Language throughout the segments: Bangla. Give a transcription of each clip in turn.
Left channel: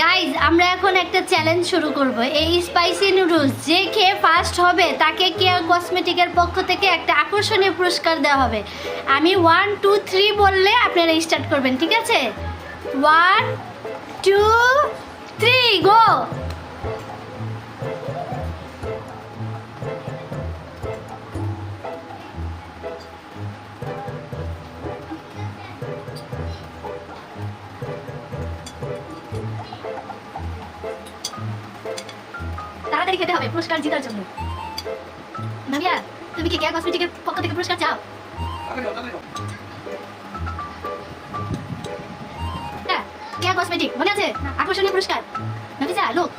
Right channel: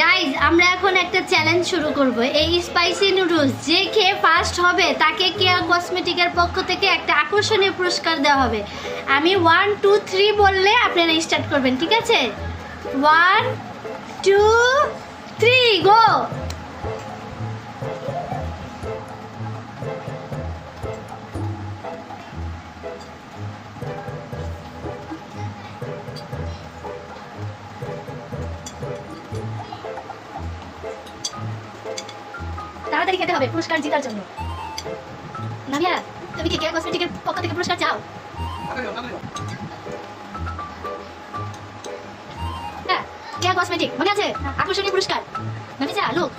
গাইজ আমরা এখন একটা চ্যালেঞ্জ শুরু করব। এই স্পাইসি নুডলস যে খেয়ে ফার্স্ট হবে তাকে কেয়া কসমেটিকের পক্ষ থেকে একটা আকর্ষণীয় পুরস্কার দেওয়া হবে। আমি 1 2 3 বললে আপনারা স্টার্ট করবেন, ঠিক আছে? 1 2 3 গো। তাড়াতাড়ি খেতে হবে পুরস্কার জেতার জন্য। নামিয়া, তুমি কি কেয়া কসমেটিকের পক্ষ থেকে পুরস্কার চাও? হ্যাঁ, কেয়া কসমেটিক মনে আছে? আকর্ষণীয় পুরস্কার। নামিয়া লোক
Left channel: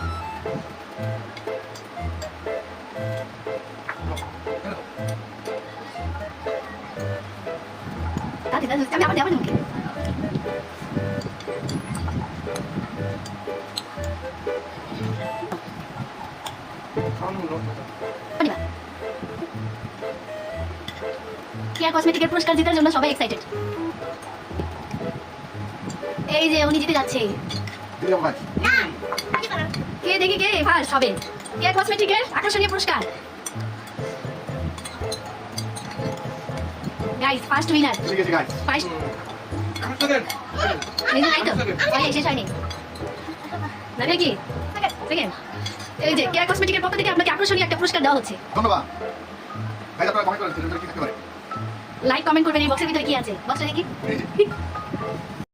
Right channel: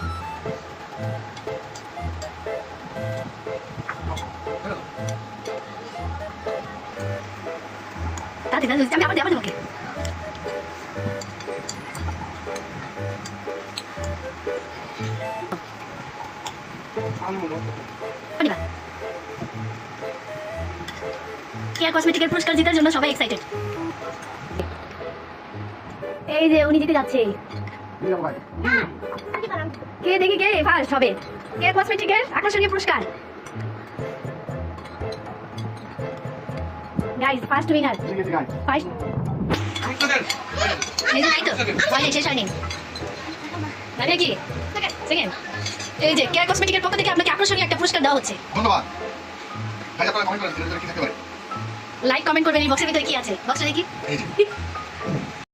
তাড়াতাড়ি আমি আবার দেবো তোমাকে। কেয়া কসমেটিকের পুরস্কার জেতার জন্য সবাই এক্সাইটেড। এই যে উনি জিতে যাচ্ছে। কে দেখি কে ফার্স্ট হবে কেয়া কসমেটিকের আকর্ষণীয় পুরস্কার। Guys first winner first. এই যে নাই তো ওই শেষ হয়নি মানে কি সেকেন্ড। এই যে কেয়া কসমেটিকের পক্ষ থেকে আপনাকে আকর্ষণীয় একটা পুরস্কার দেওয়া হচ্ছে। ধন্যবাদ। ভাই আপনারা কমেন্ট করেন ভিতরে কি থাকতে পারে। লাইক কমেন্ট করবেন। এই বক্সের ভিতরে কি আছে? বক্সটা দেখি।